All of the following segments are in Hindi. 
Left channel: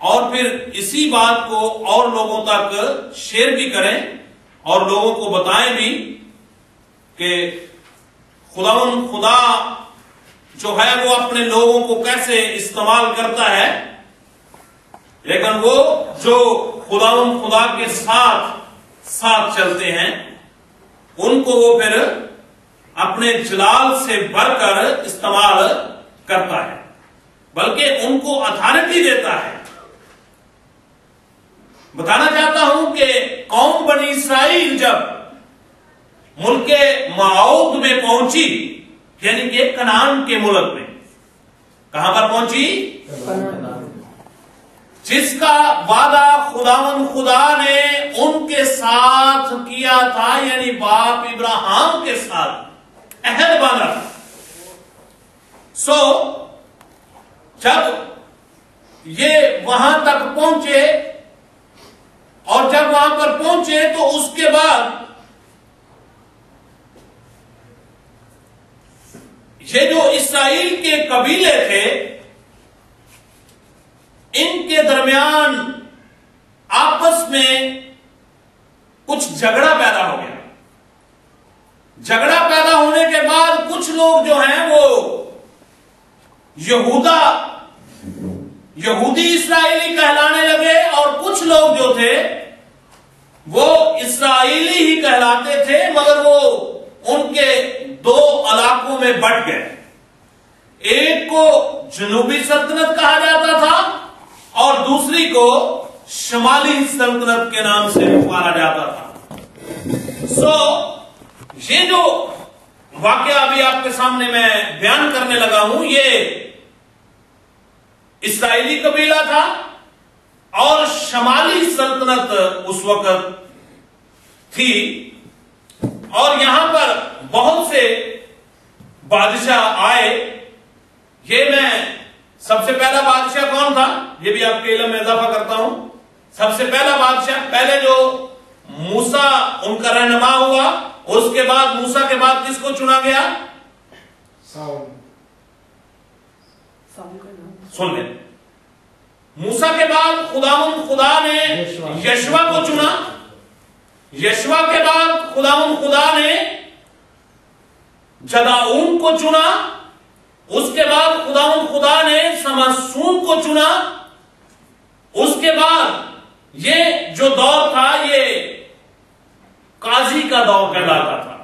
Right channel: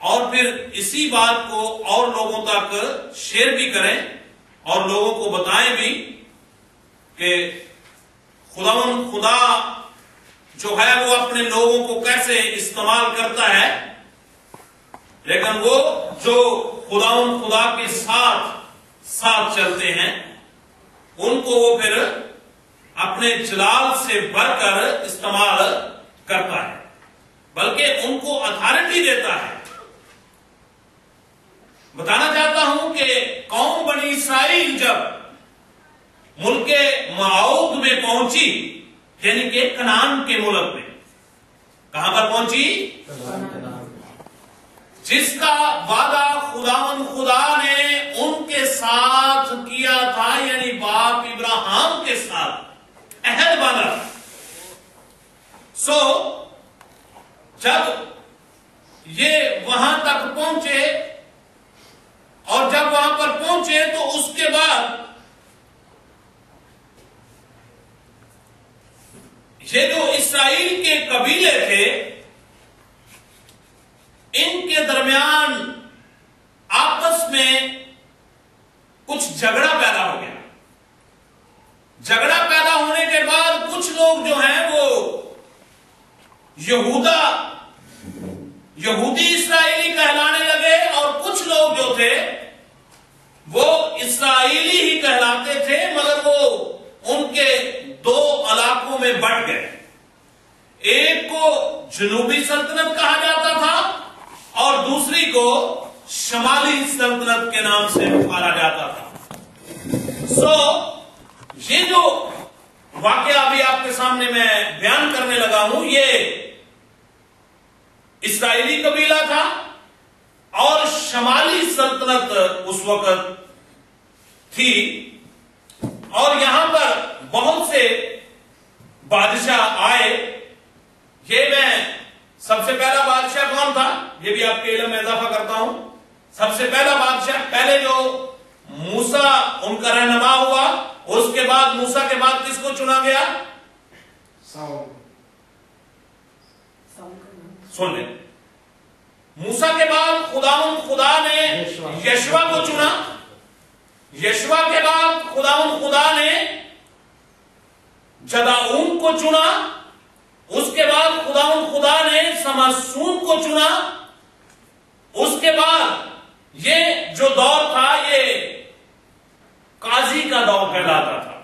और फिर इसी बात को और लोगों तक शेयर भी करें और लोगों को बताएं भी कि खुदा जो है वो अपने लोगों को कैसे इस्तेमाल करता है, लेकिन वो जो खुदा के साथ चलते हैं उनको वो फिर अपने जलाल से भरकर इस्तेमाल करता है, बल्कि उनको अथॉरिटी देता है। बताना चाहता हूं कि कौम बनी इसराइल जब मुल्के मऊद में पहुंची, यानी कि कनान के मुल्क में, कहां पर पहुंची? जिसका वादा खुदा ने उनके साथ किया था, यानी बाप इब्राहिम के साथ अहद बांधा था। जब ये वहां तक पहुंचे और जब वहां पर पहुंचे तो उसके बाद ये जो इसराइल के कबीले थे इनके दरमियान आपस में कुछ झगड़ा पैदा हो गया। झगड़ा पैदा होने के बाद कुछ लोग जो हैं वो यहूदी इसराइली कहलाने लगे और कुछ लोग जो थे वो इसराइली ही कहलाते थे, मगर वो उनके दो इलाकों में बंट गए। एक को जनूबी सल्तनत कहा जाता था और दूसरी को शमाली सल्तनत के नाम से पुकारा जाता था। ये जो वाकया अभी आपके सामने मैं बयान करने लगा हूं, ये इसराइली कबीला था और शमाली सल्तनत उस वक्त थी और यहां पर बहुत से बादशाह आए। ये मैं सबसे पहला बादशाह कौन था ये भी आपके इल्म में इजाफा करता हूं। सबसे पहला बादशाह, पहले जो मूसा उनका रहनुमा हुआ, उसके बाद मूसा के बाद किसको चुना गया? सुन ले, मूसा के बाद खुदा ने यशवा को चुना। यशवा के बाद खुदा ने जदाऊन को चुना। उसके बाद खुदा ने समसून को चुना। उसके बाद ये जो दौर था ये काजी का दौर कहलाता था।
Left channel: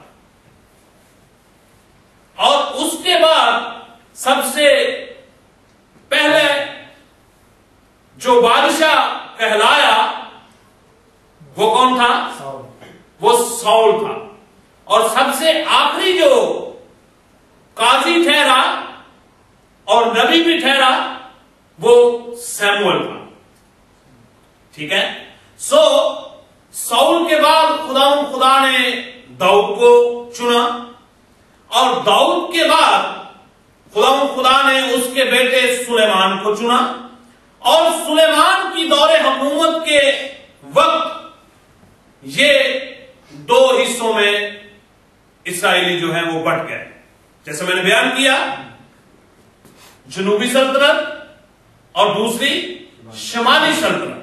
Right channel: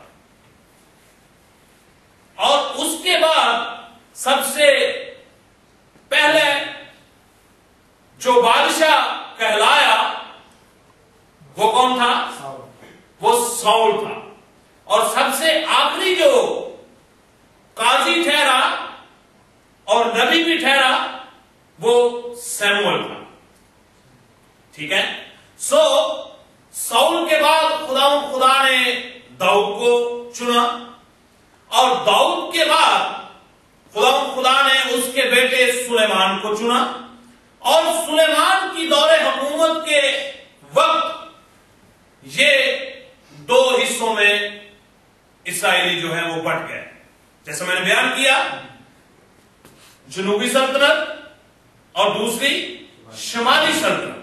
और उसके बाद सबसे पहले जो बादशाह कहलाया वो कौन था? वो साउल था। और सबसे आखिरी जो काजी ठहरा और नबी भी ठहरा वो सैमुअल था। ठीक है। साउल के बाद खुदा ने दाऊद को चुना और दाऊद के बाद खुदा ने उसके बेटे सुलेमान को चुना। और सुलेमान की दौरे हुकूमत के वक्त ये दो हिस्सों में इसराइली जो है वो बंट गए। जैसे मैंने बयान किया, जनूबी सल्तनत और दूसरी शमाली सल्तनत।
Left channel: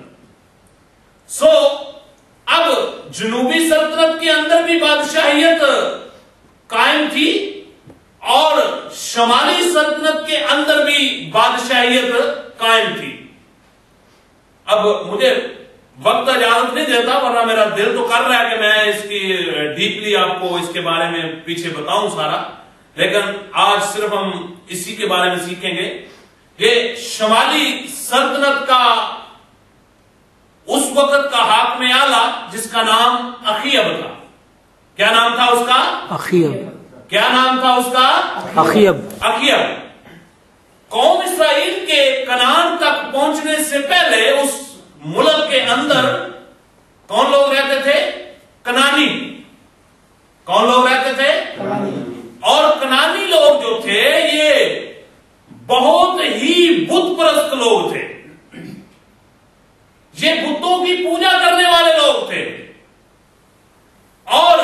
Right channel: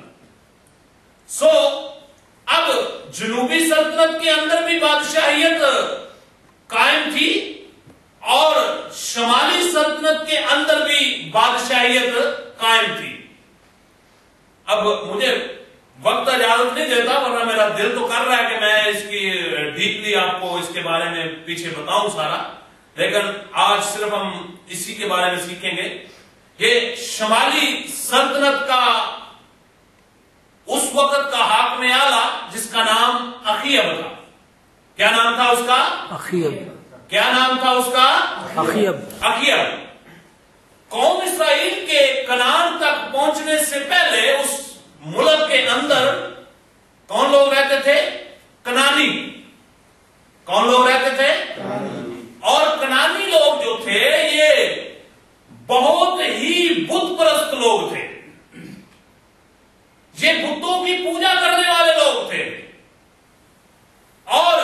अब जनूबी सल्तनत के अंदर भी बादशाहियत कायम थी और शमाली सल्तनत के अंदर भी बादशाहियत कायम थी। अब मुझे वक्त इजाजत नहीं देता, वरना मेरा दिल तो कर रहा है कि मैं इसकी डीपली आपको इसके बारे में पीछे बताऊं सारा, लेकिन आज सिर्फ हम इसी के बारे में सीखेंगे। ये शमाली सल्तनत का उस वक्त का हाकिम आला जिसका नाम अखीयब था। क्या नाम था उसका? अखीयब। क्या नाम था उसका? अखीयब। कौम इस्राइल के कनान तक पहुंचने से पहले उस मुल्क के अंदर कौन लोग रहते थे? कनानी। कौन लोग रहते थे? और कनानी लोग जो थे ये बहुत ही बुत परस्त लोग थे। ये बुतों की पूजा करने वाले लोग थे और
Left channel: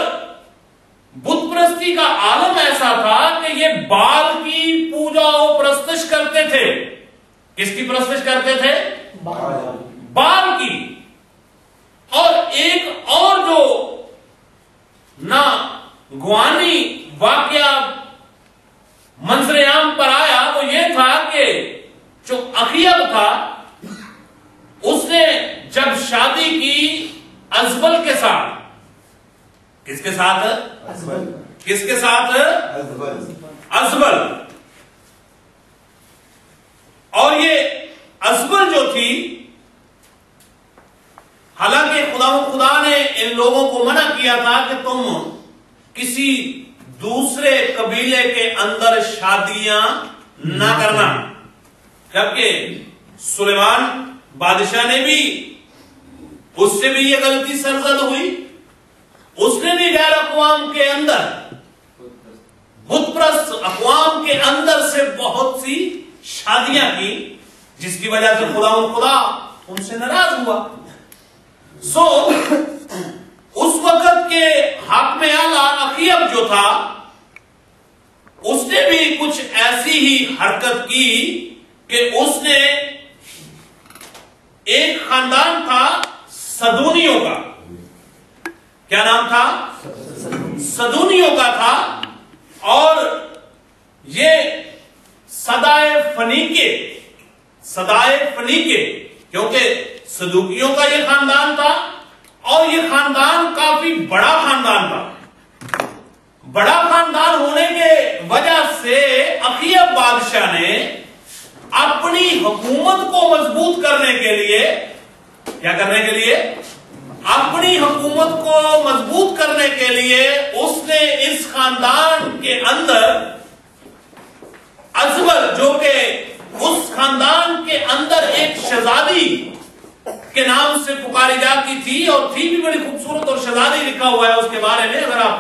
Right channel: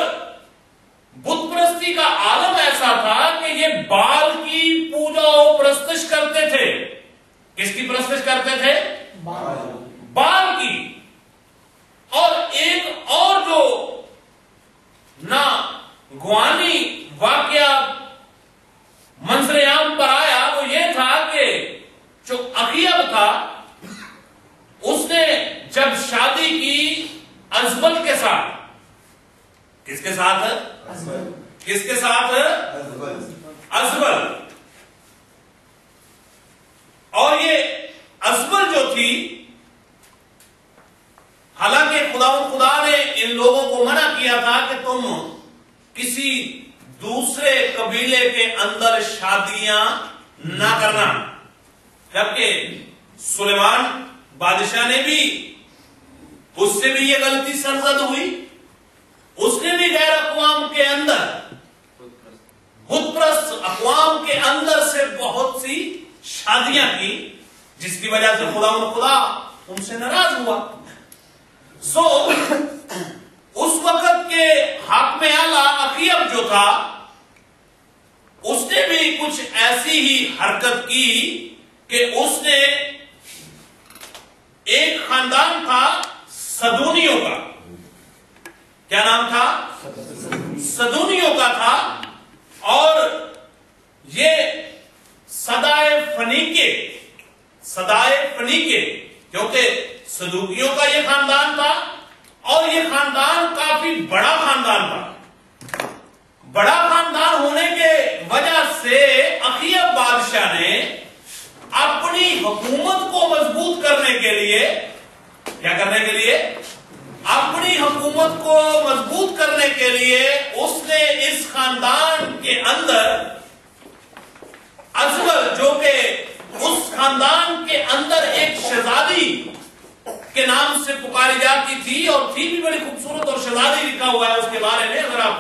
बुत परस्ती का आलम ऐसा था कि ये बाल की पूजा और प्रस्तुत करते थे। किसकी प्रस्तुत करते थे? बाल की। और एक और जो ना गुआनी वाकया मंजरेआम पर आया वो ये था कि जो अखियब था उसने जब शादी की अजबल के साथ, किसके साथ? किसके साथ? अजबल। और ये अजबल जो थी, हालांकि खुदा ने इन लोगों को मना किया था कि तुम किसी दूसरे कबीले के अंदर शादियां ना करना, जबकि सुलेमान बादशाह ने भी, उससे भी ये गलती सरजद हुई। उसने भी गैर अक़वाम के अंदर, बुतप्रस्त अक़वाम के अंदर से बहुत सी शादियां की, जिसकी वजह से खुदा उनसे नाराज हुआ। उस वक्त के हाकिम आला अखियब जो था उसने भी कुछ ऐसी ही हरकत की कि उसने, एक खानदान था सदूनियों का, क्या नाम था? सदूनियों का था, और ये सदाए फनीके, क्योंकि सदूकियों का ये खानदान था, और ये खानदान काफी बड़ा खानदान था। बड़ा खानदान होने के वजह से अखियब बादशाह ने अपनी हुकूमत को मजबूत करने के लिए, क्या करने के लिए? अपनी हुकूमत को मजबूत करने के लिए उसने इस खानदान के अंदर अजबल, जो कि उस खानदान के अंदर एक शहजादी के नाम से पुकारी जाती थी, और थी भी बड़ी खूबसूरत, और शहजादी लिखा हुआ है उसके बारे में, अगर आप